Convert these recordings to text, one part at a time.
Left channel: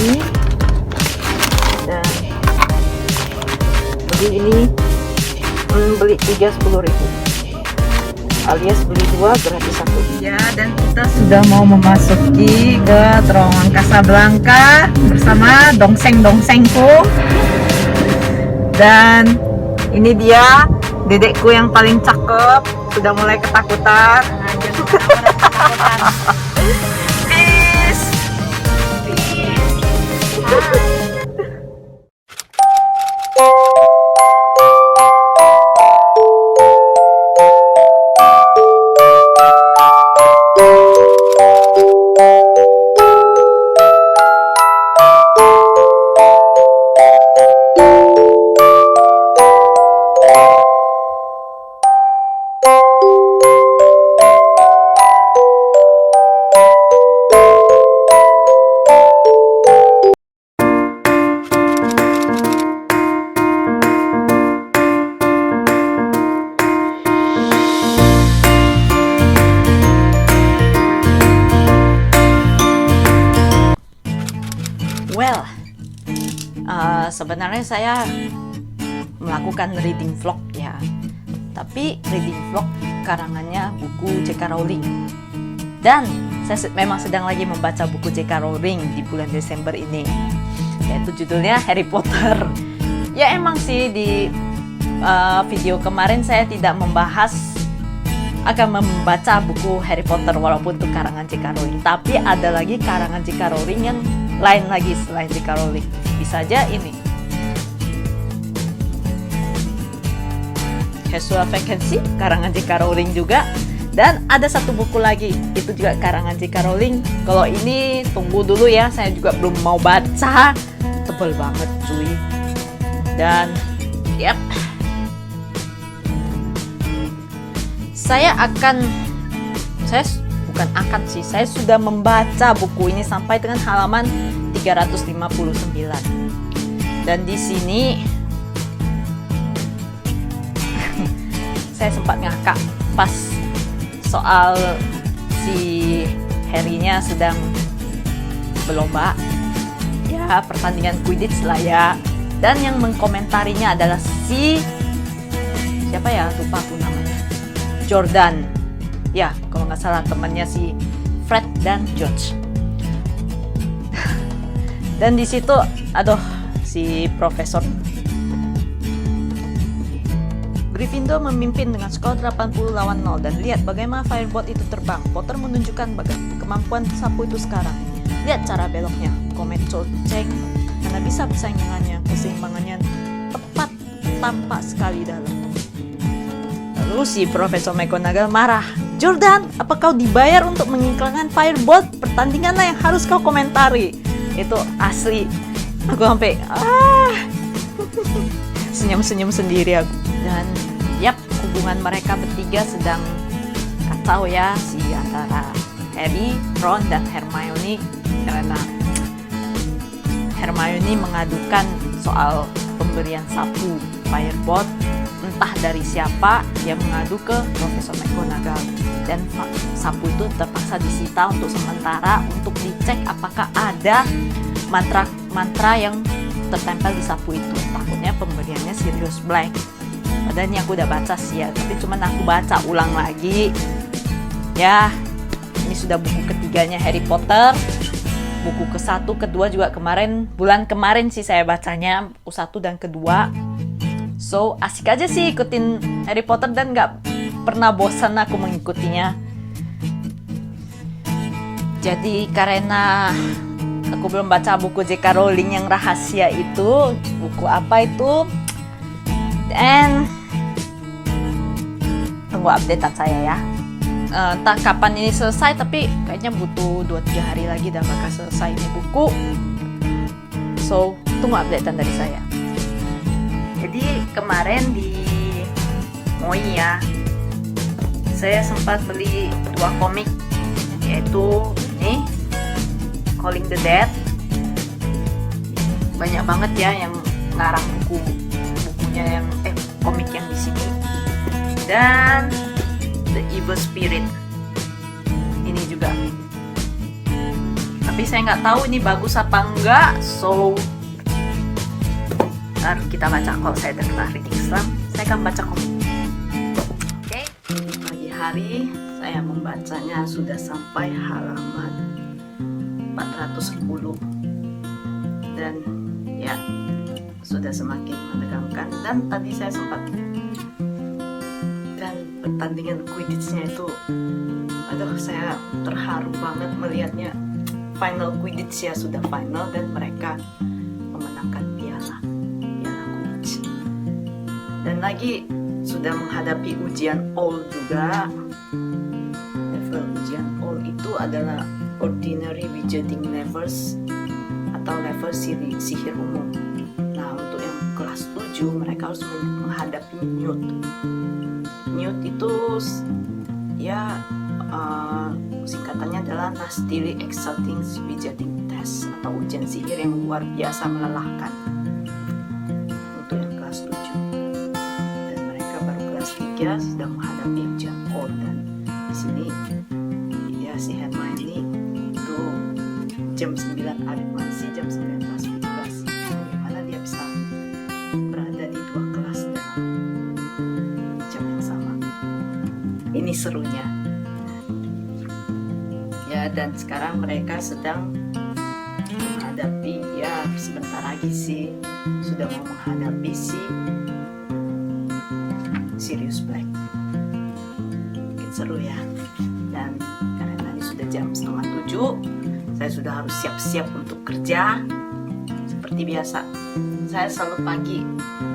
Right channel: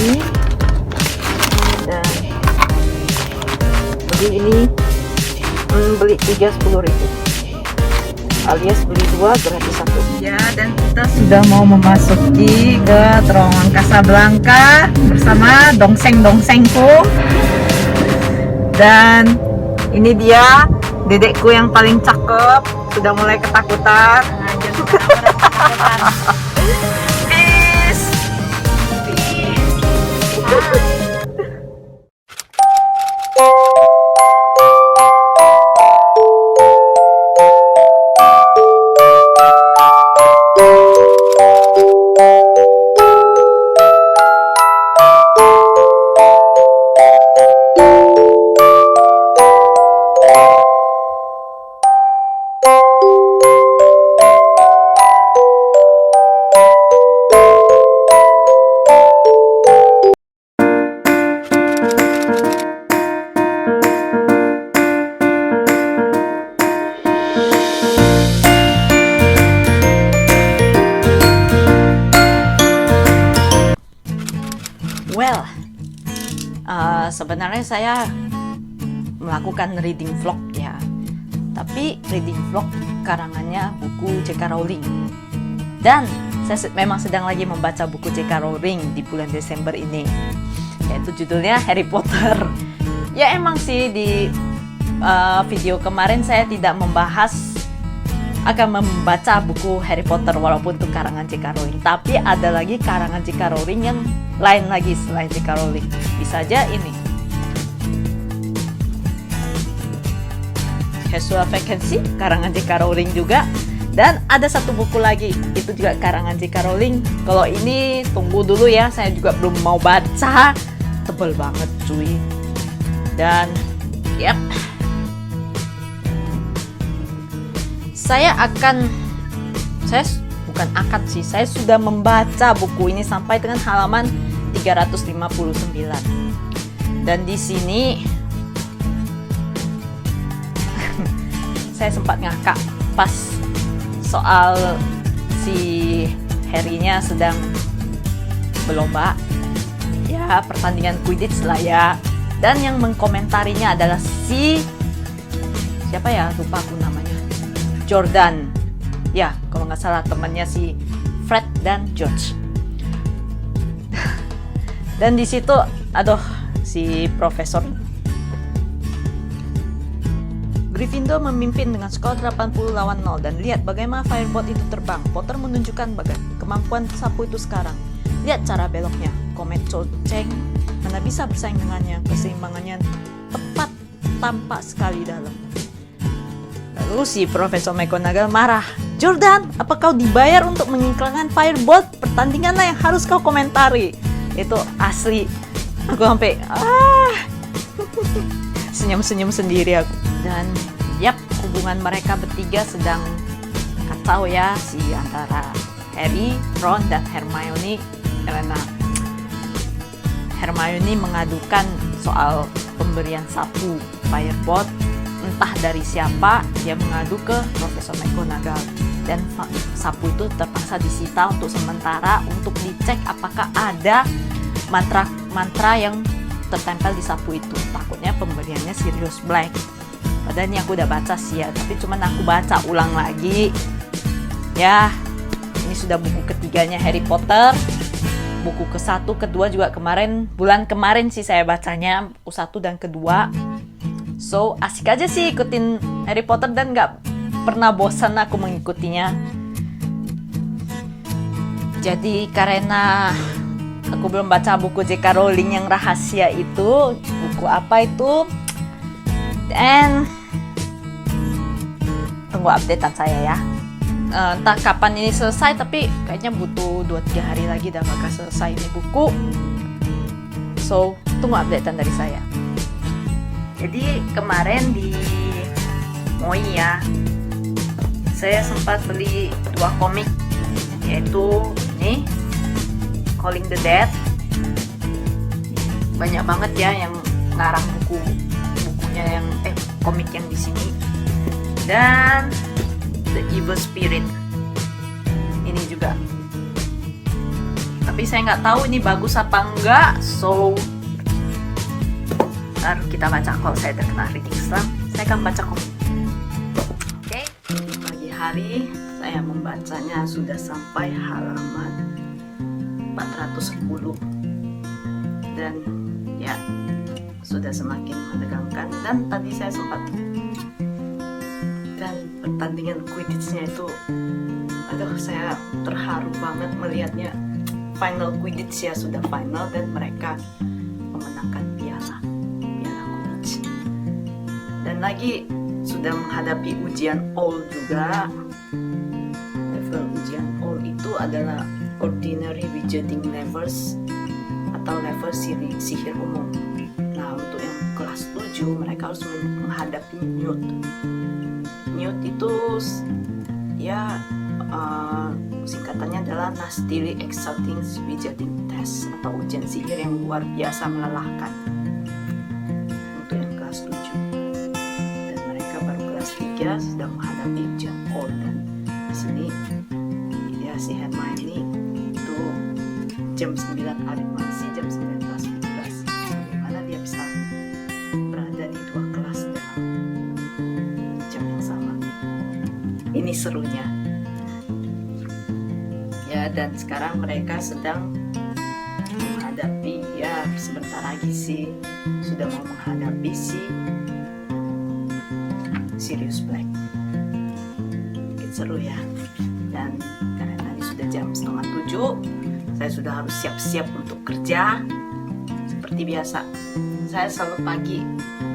lagi. Dan beli ini, beli 3 10.000, alias beli 2 gratis 1. Ya, dan kita sudah mau memasuki ke terowongan Casablanca bersama dongseng-dongsengku. Dan ini dia dedekku yang paling cakep, sudah mulai ketakutan. Peace. Well, sebenarnya saya melakukan reading vlog ya, tapi reading vlog karangannya buku J.K. Rowling. Dan saya memang sedang lagi membaca buku J.K. Rowling di bulan Desember ini, yaitu judulnya Harry Potter. Ya emang sih di video kemarin saya tidak membahas akan membaca buku Harry Potter walaupun itu karangan J.K. Rowling, tapi ada lagi karangan J.K. Rowling yang lain lagi selain J.K. Rowling. Bisa aja ini Hesua Vacancy, karangan J.K. Rowling juga. Dan ada satu buku lagi, itu juga karangan J.K. Rowling. Kalau ini tunggu dulu ya, saya juga belum mau baca, tebel banget cuy. Dan yep, saya sudah membaca buku ini sampai dengan halaman 359. Dan di sini saya sempat ngakak pas soal si Harry-nya sedang berlomba ya, pertandingan Quidditch lah ya. Dan yang mengkomentarinya adalah siapa ya, lupa aku namanya, Jordan ya, kalau nggak salah, temannya si Fred dan George. Dan di situ si profesor Gryffindor memimpin dengan skor 80 lawan 0, dan lihat bagaimana firebolt itu terbang. Potter menunjukkan kemampuan sapu itu sekarang. Lihat cara beloknya. Komet Cho Chang mana bisa bersaing dengannya. Keseimbangannya tepat, tampak sekali dalam. Lalu si Profesor McGonagall marah. Jordan, apa kau dibayar untuk mengiklankan firebolt? Pertandinganlah yang harus kau komentari. Itu asli. Aku sampai senyum-senyum sendiri aku. Dan yap, hubungan mereka bertiga sedang kacau ya, antara Harry, Ron, dan Hermione. Karena Hermione mengadukan soal pemberian sapu firebolt entah dari siapa. Dia mengadu ke Profesor McGonagall, dan sapu itu terpaksa disita untuk sementara untuk dicek apakah ada mantra yang tertempel di sapu itu. Takutnya pemberiannya Sirius Black. Padahal ini aku udah baca sih ya, tapi cuman aku baca ulang lagi ya. Ini sudah buku ketiganya Harry Potter. Buku ke-1, ke-2 juga bulan kemarin sih saya bacanya, buku 1 dan kedua. So asik aja sih ikutin Harry Potter, dan gak pernah bosan aku mengikutinya. Jadi karena aku belum baca buku J.K. Rowling yang rahasia itu, buku apa itu, dan tunggu updatean saya ya. Entah kapan ini selesai, tapi kayaknya butuh 2-3 hari lagi dah bakal selesai ini buku. So tunggu updatean dari saya. Jadi kemarin di Moi ya, saya sempat beli 2 komik, yaitu ini Calling the Dead. Banyak banget ya yang ngarang bukunya yang komik yang di sini. Dan The Evil Spirit ini juga Tapi saya nggak tahu ini bagus apa enggak. So, baru kita baca. Kalau saya terkena reading Islam, saya akan baca komik. Oke, jadi pagi hari saya membacanya sudah sampai halaman 410. Dan ya, sudah semakin menegangkan. Dan tadi saya sempat, dan pertandingan Quidditch-nya itu, aduh, saya terharu banget melihatnya. Final Quidditch ya, sudah final dan mereka memenangkan piala Quidditch. Dan lagi sudah menghadapi ujian all juga. Level ujian all itu adalah Ordinary Wizarding Levels atau level sihir umum. Nah, untuk yang kelas 7 mereka harus menghadapi Newt. Newt itu ya singkatannya adalah Nastily Exciting Wizarding Test atau ujian sihir yang luar biasa melelahkan untuk yang kelas 7. Dan mereka baru kelas 3 sedang menghadapi ujian all. Dan di sini ya si Hermione itu jam 9 aritmasi, jam 9 kelas vibrasi. Bagaimana dia bisa berada di dua kelas dalam jam yang sama. Ini serunya. Ya, dan sekarang mereka sedang menghadapi, ya sebentar lagi sih sudah mau menghadapi si Sirius Black. Oke, seru ya. Dan karena ini sudah jam 6:30, saya sudah harus siap-siap untuk kerja. Seperti biasa, saya selalu pagi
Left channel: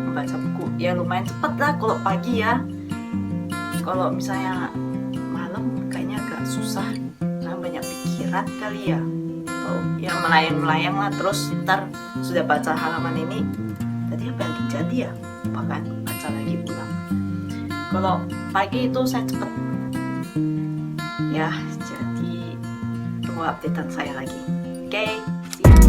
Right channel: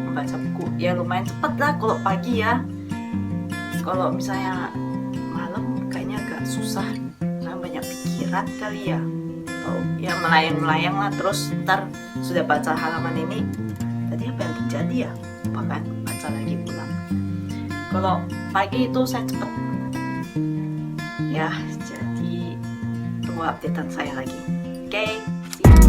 membaca buku. Ya lumayan cepat lah kalau pagi ya. Kalau misalnya malam kayaknya agak susah. Saya banyak pikiran kali ya. Atau ya melayang-melayang lah. Terus ntar sudah baca halaman ini, tadi apa yang terjadi ya? Apa kan? Baca lagi ulang. Kalau pagi itu saya cepet. Ya, jadi tunggu updatean saya lagi. Oke, see you.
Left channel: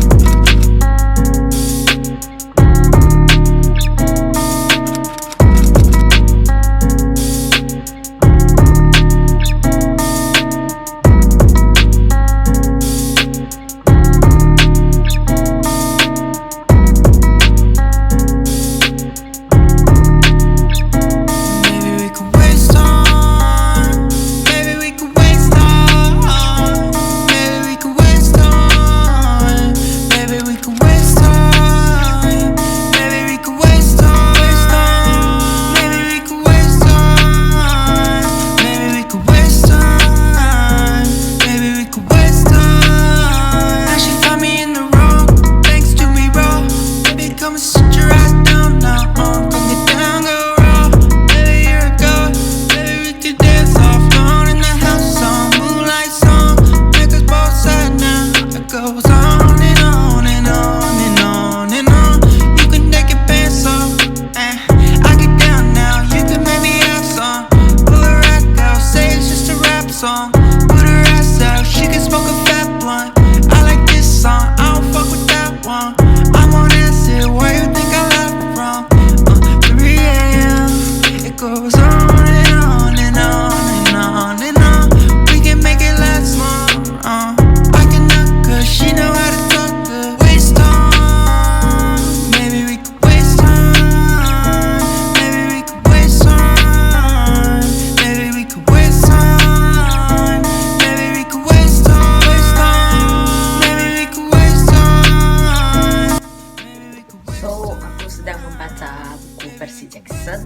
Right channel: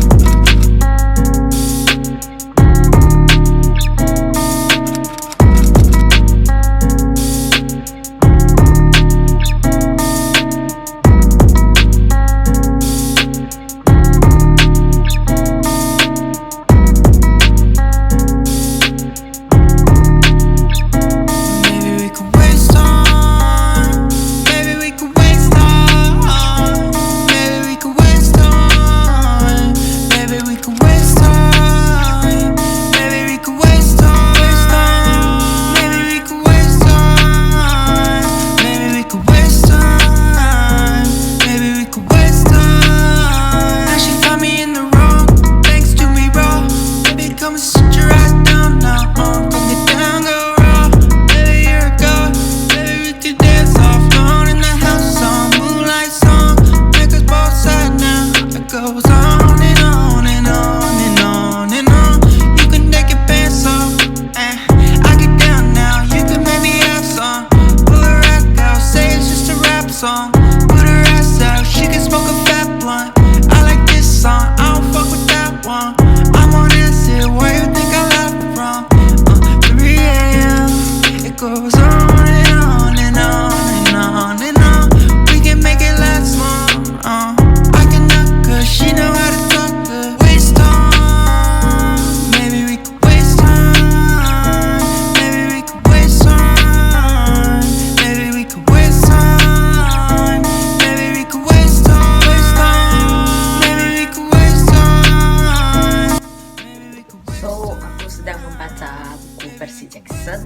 Percy Jackson.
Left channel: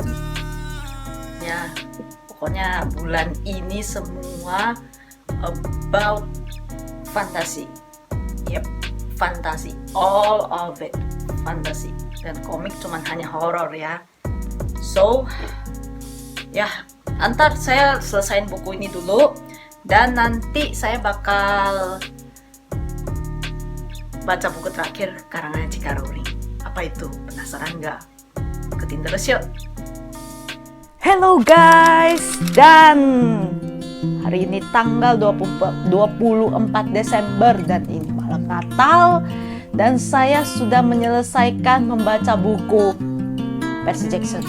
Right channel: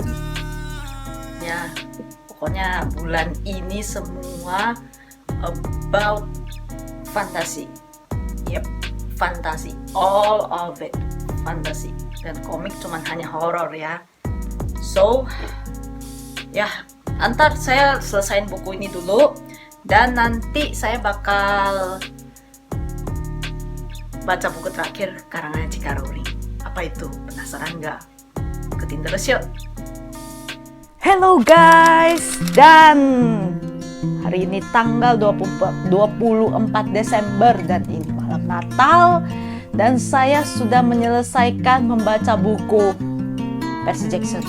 Ya, pokoknya bulan ini semua about fantasy. Yep, fantasy, all of it fantasy. Dan komik cuman hanya horror ya. So, ya, antar saya selesain buku ini dulu dan nanti saya bakal baca buku terakhir karangan J.K. Rowling. Apa itu? Penasaran nggak? Ikutin terus yuk. Hello guys, dan hari ini tanggal 24 Desember dan ini malam Natal, dan saya sudah menyelesaikan membaca buku Percy Jackson.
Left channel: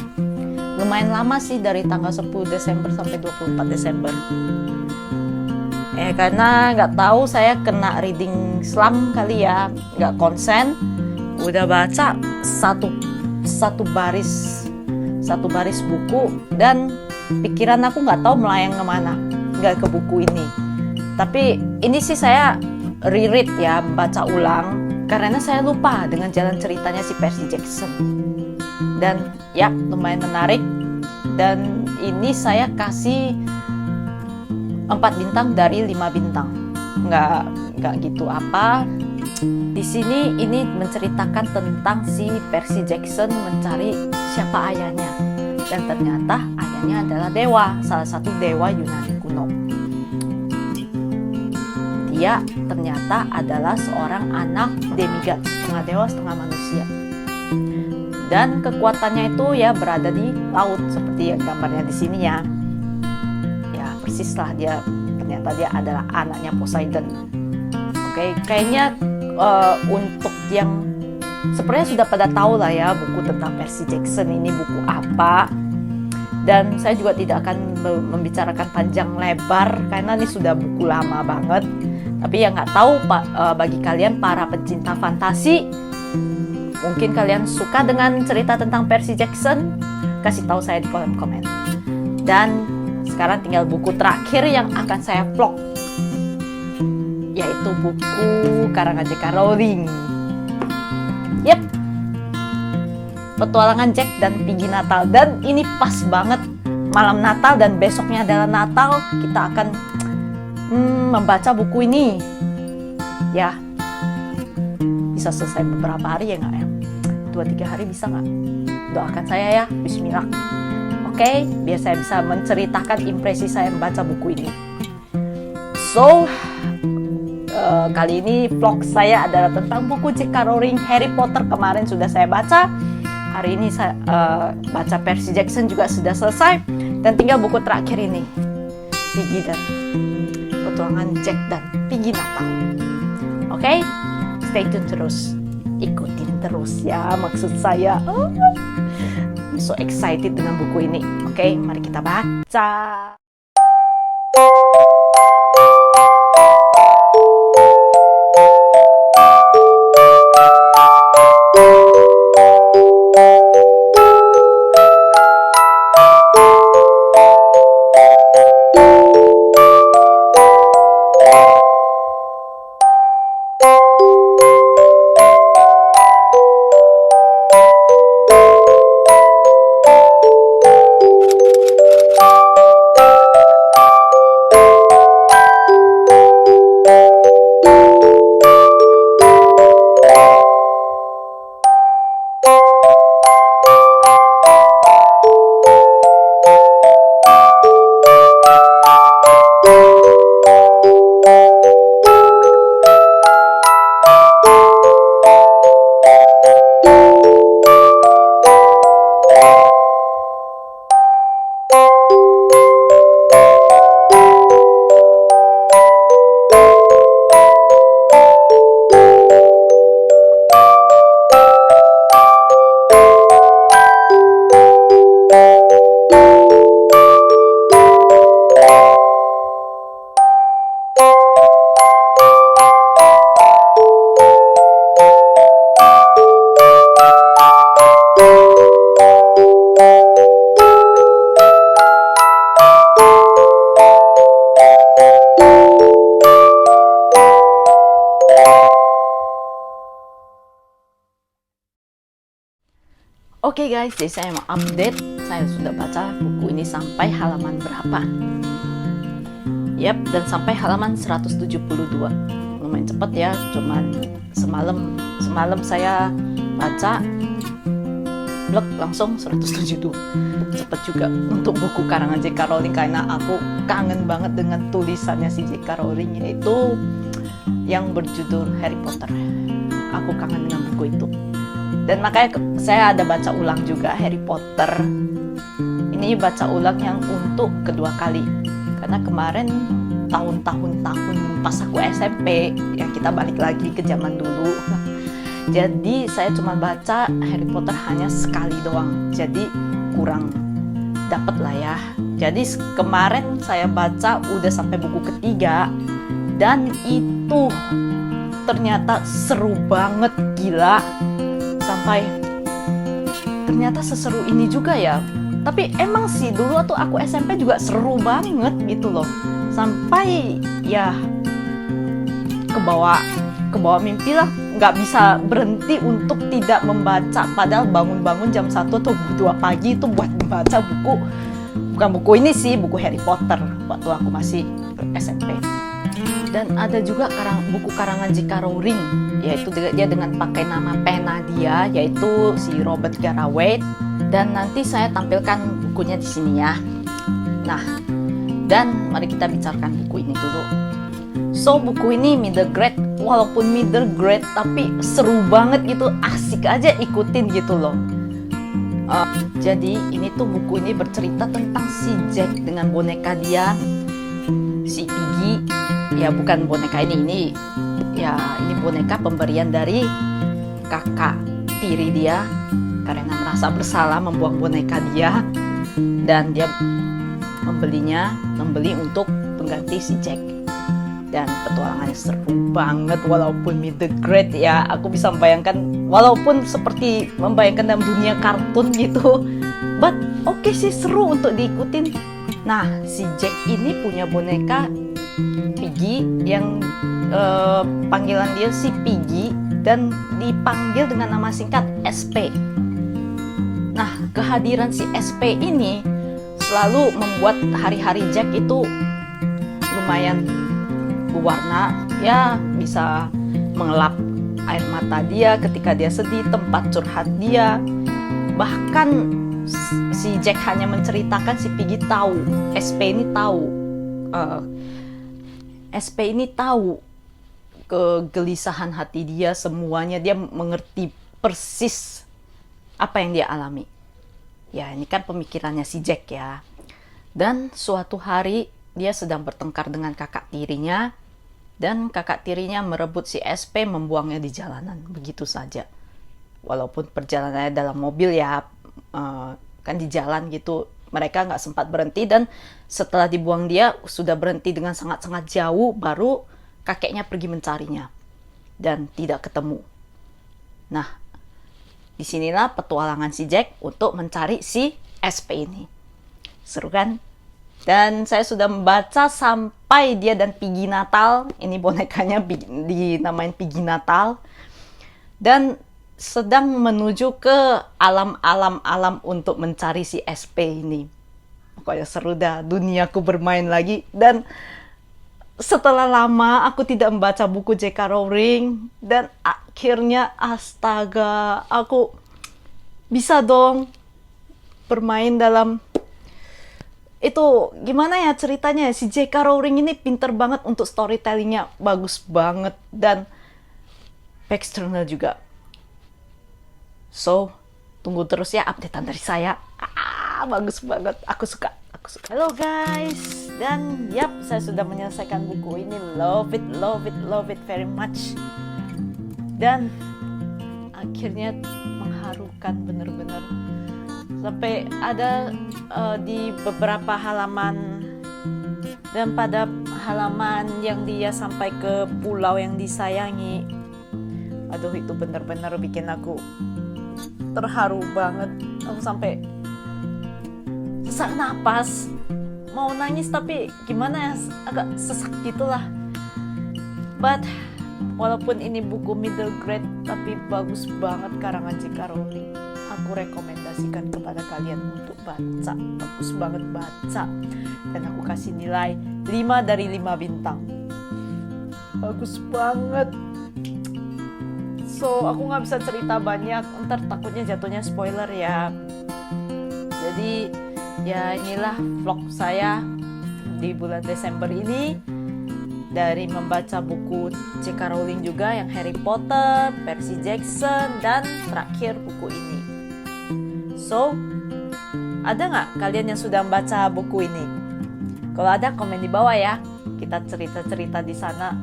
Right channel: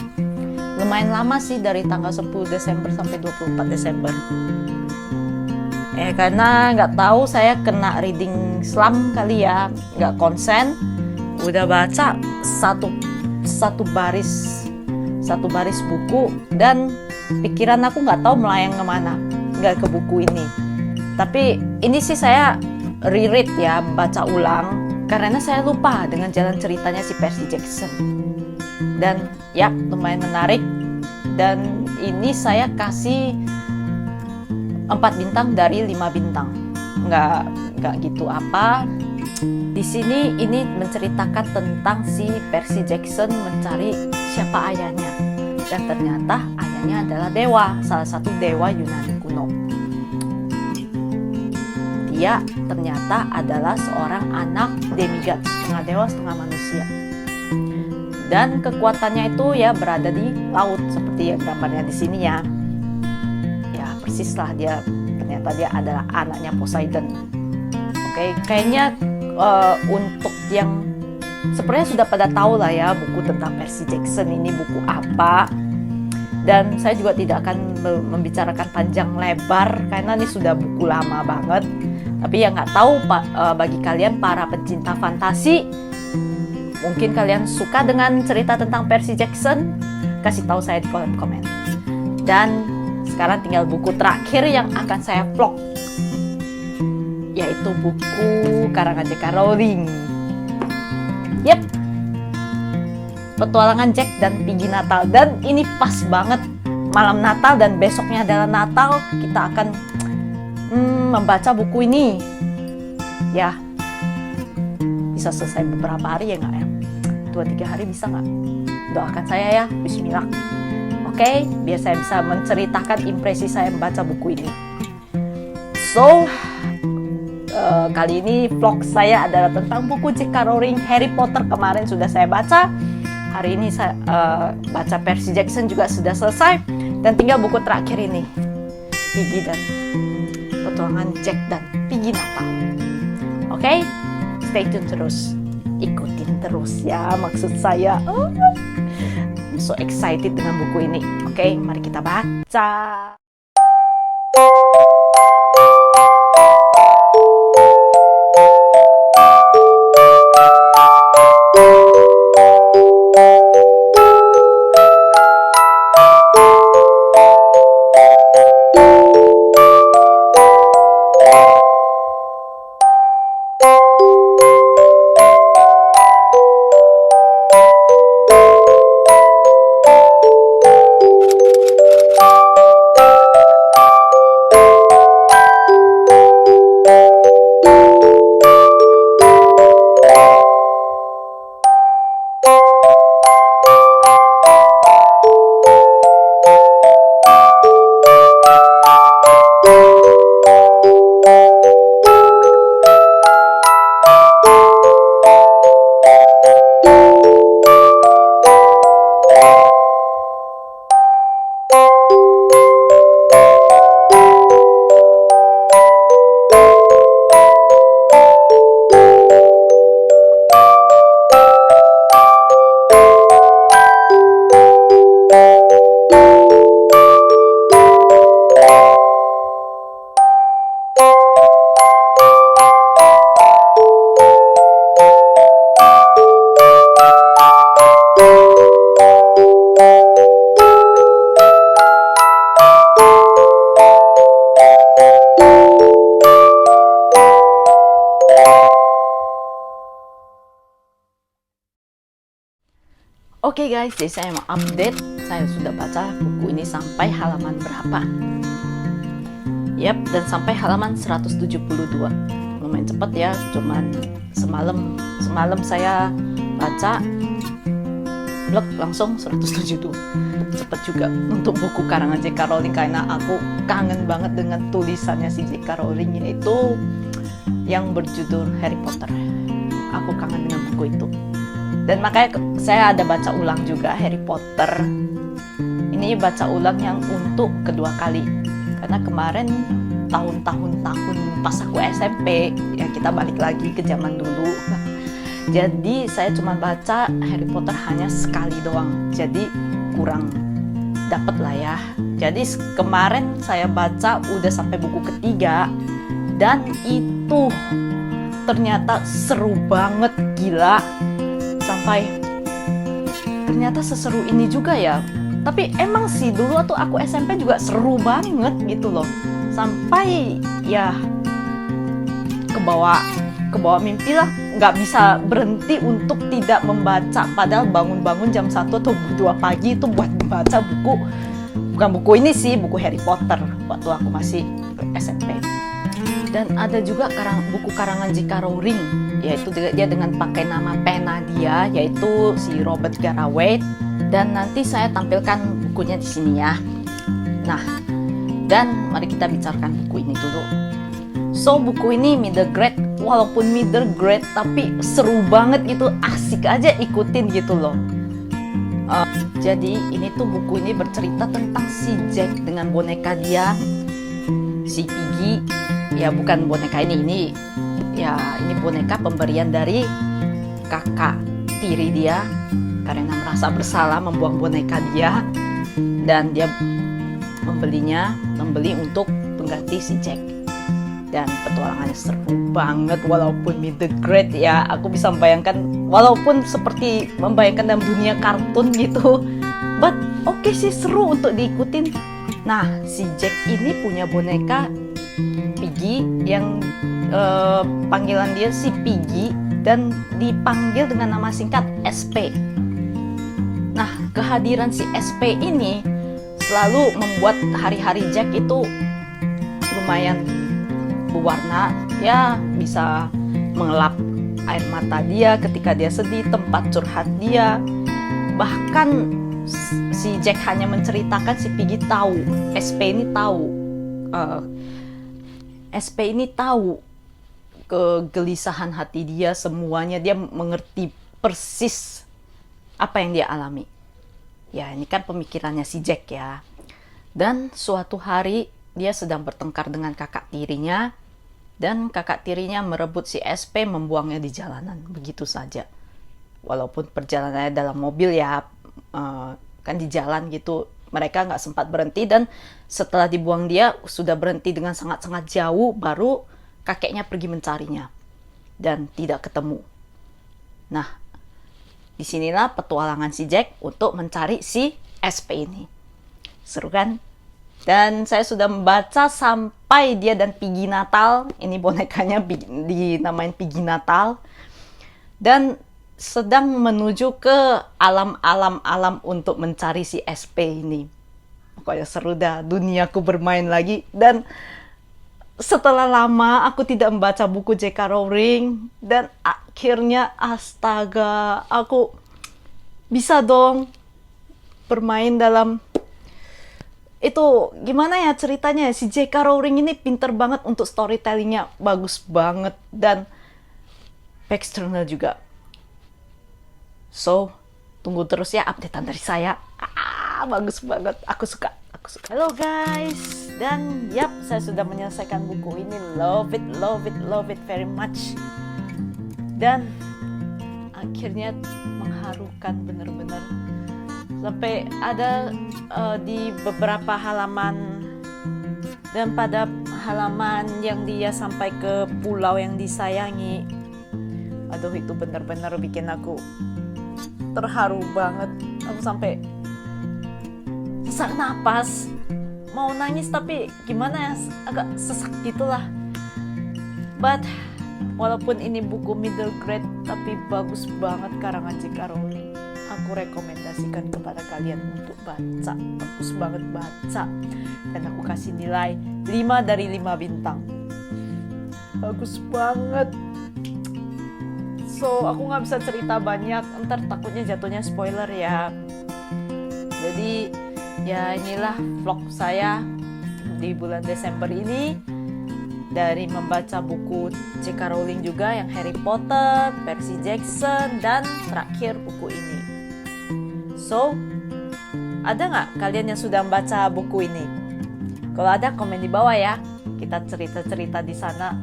Lumayan lama sih, dari tanggal 10 Desember sampai 24 Desember. Karena nggak tahu saya kena reading slump kali ya, nggak konsen. Udah baca satu baris buku dan pikiran aku nggak tahu melayang kemana, nggak ke buku ini. Tapi ini sih saya reread ya, baca ulang karena saya lupa dengan jalan ceritanya si Percy Jackson. Dan ya lumayan menarik. Dan ini saya kasih 4 bintang dari 5 bintang. Nggak gitu apa. Di sini ini menceritakan tentang si Percy Jackson mencari siapa ayahnya. Dan ternyata ayahnya adalah dewa, salah satu dewa Yunani kuno. Dia ternyata adalah seorang anak demigod, setengah dewa setengah manusia. Dan kekuatannya itu ya berada di laut, seperti yang gambarnya di sini ya. Ya persis lah, ternyata dia adalah anaknya Poseidon. Oke, kayaknya untuk yang sebenarnya sudah pada tahu lah ya buku tentang Percy Jackson ini buku apa. Dan saya juga tidak akan membicarakan panjang lebar karena ini sudah buku lama banget. Tapi yang nggak tahu bagi kalian para pencinta fantasi, mungkin kalian suka dengan cerita tentang Percy Jackson, kasih tahu saya di kolom komen. Dan sekarang tinggal buku terakhir yang akan saya vlog, yaitu buku karangan J.K. Rowling. Yep, Petualangan Jack dan Piggy Natal. Dan ini pas banget malam Natal dan besoknya adalah Natal. Kita akan membaca buku ini. Ya, bisa selesai beberapa hari ya nggak ya? 2-3 hari bisa nggak? Doakan saya ya, bismillah. Oke, biar saya bisa menceritakan impresi saya membaca buku ini. So, kali ini vlog saya adalah tentang buku J.K. Rowling Harry Potter. Kemarin sudah saya baca. Hari ini saya baca Percy Jackson juga sudah selesai. Dan tinggal buku terakhir ini, Piggy dan Petualangan Jack dan Piggy Natal. Oke, stay tune terus. Ikutin terus ya, maksud saya. I'm so excited dengan buku ini. Oke, mari kita baca. Oke guys, jadi saya mau update. Saya sudah baca buku ini sampai halaman berapa. Yap, dan sampai halaman 172. Lumayan cepet ya, cuman semalam saya baca blog langsung 172. Cepet juga untuk buku karangan J.K. Rowling karena aku kangen banget dengan tulisannya si J.K. Rowling, yaitu yang berjudul Harry Potter. Aku kangen dengan buku itu. Dan makanya saya ada baca ulang juga Harry Potter. Ini baca ulang yang untuk kedua kali. Karena kemarin tahun pas aku SMP, ya kita balik lagi ke zaman dulu. Jadi saya cuma baca Harry Potter hanya sekali doang. Jadi kurang dapet lah ya. Jadi kemarin saya baca udah sampai buku ketiga dan itu ternyata seru banget, gila. Sampai ternyata seseru ini juga ya. Tapi emang sih dulu waktu aku SMP juga seru banget gitu loh. Sampai ya kebawa mimpi lah, nggak bisa berhenti untuk tidak membaca. Padahal bangun-bangun jam 1 atau 2 pagi itu buat membaca buku. Bukan buku ini sih, buku Harry Potter waktu aku masih SMP. Dan ada juga buku karangan J.K. Rowling, yaitu dia dengan pakai nama pena dia, yaitu si Robert Garraway. Dan nanti saya tampilkan bukunya di sini ya. Nah, dan mari kita bicarakan buku ini dulu. So, buku ini middle grade, walaupun middle grade tapi seru banget gitu, asik aja ikutin gitu loh. Jadi ini tuh buku ini bercerita tentang si Jack dengan boneka dia, si Piggy. Ya bukan boneka ini boneka pemberian dari kakak tiri dia karena merasa bersalah membuang boneka dia, dan dia membeli untuk pengganti si Jack. Dan petualangannya seru banget walaupun middle grade ya. Aku bisa membayangkan walaupun seperti membayangkan dalam dunia kartun gitu. But oke sih, seru untuk diikutin. Nah, si Jack ini punya boneka Piggy yang panggilan dia si Piggy dan dipanggil dengan nama singkat SP. Nah, kehadiran si SP ini selalu membuat hari-hari Jack itu lumayan berwarna, ya bisa mengelap air mata dia ketika dia sedih, tempat curhat dia. Bahkan si Jack hanya menceritakan, si Piggy tahu, SP ini tahu kegelisahan hati dia, semuanya. Dia mengerti persis apa yang dia alami. Ya, ini kan pemikirannya si Jack ya. Dan suatu hari dia sedang bertengkar dengan kakak tirinya, dan kakak tirinya merebut si SP, membuangnya di jalanan begitu saja. Walaupun perjalanannya dalam mobil ya, kan di jalan gitu, mereka nggak sempat berhenti, dan setelah dibuang dia sudah berhenti dengan sangat-sangat jauh, baru kakeknya pergi mencarinya dan tidak ketemu. Nah, disinilah petualangan si Jack untuk mencari si SP ini. Seru kan? Dan saya sudah membaca sampai dia dan Piggy Natal. Ini bonekanya dinamain Piggy Natal. Dan sedang menuju ke alam untuk mencari si SP ini. Pokoknya seru dah, duniaku bermain lagi. Dan setelah lama aku tidak membaca buku J.K. Rowling, dan akhirnya astaga, aku bisa dong bermain dalam itu. Gimana ya ceritanya, si J.K. Rowling ini pinter banget untuk storytellingnya, bagus banget, dan backstory juga. So, tunggu terus ya updatean dari saya. Bagus banget, aku suka. Halo guys, dan saya sudah menyelesaikan buku ini. Love it very much. Dan akhirnya mengharukan bener-bener. Sampai ada di beberapa halaman, dan pada halaman yang dia sampai ke pulau yang disayangi, aduh itu bener-bener bikin aku terharu banget. Aku sampai sesak napas, mau nangis tapi gimana ya, agak sesak gitulah. But walaupun ini buku middle grade, tapi bagus banget karangan J.K. Rowling. Aku rekomendasikan kepada kalian untuk baca. Bagus banget baca. Dan aku kasih nilai 5 dari 5 bintang. Bagus banget. So, aku gak bisa cerita banyak. Ntar takutnya jatuhnya spoiler ya. Jadi, ya inilah vlog saya di bulan Desember ini. Dari membaca buku J.K. Rowling juga, yang Harry Potter, Percy Jackson, dan terakhir buku ini. So, ada nggak kalian yang sudah membaca buku ini? Kalau ada, komen di bawah ya. Kita cerita-cerita di sana,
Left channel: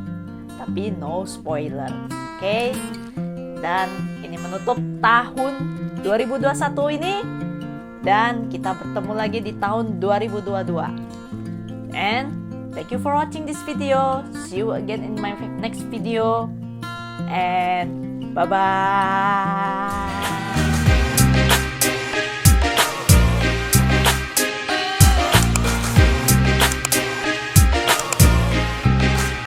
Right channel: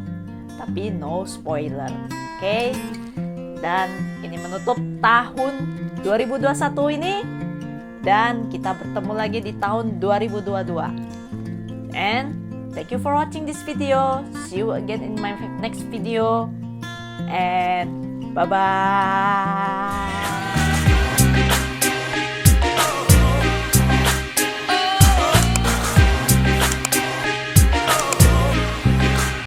tapi no spoiler. Oke? Dan ini menutup tahun 2021 ini. Dan kita bertemu lagi di tahun 2022. And thank you for watching this video. See you again in my next video. And bye-bye.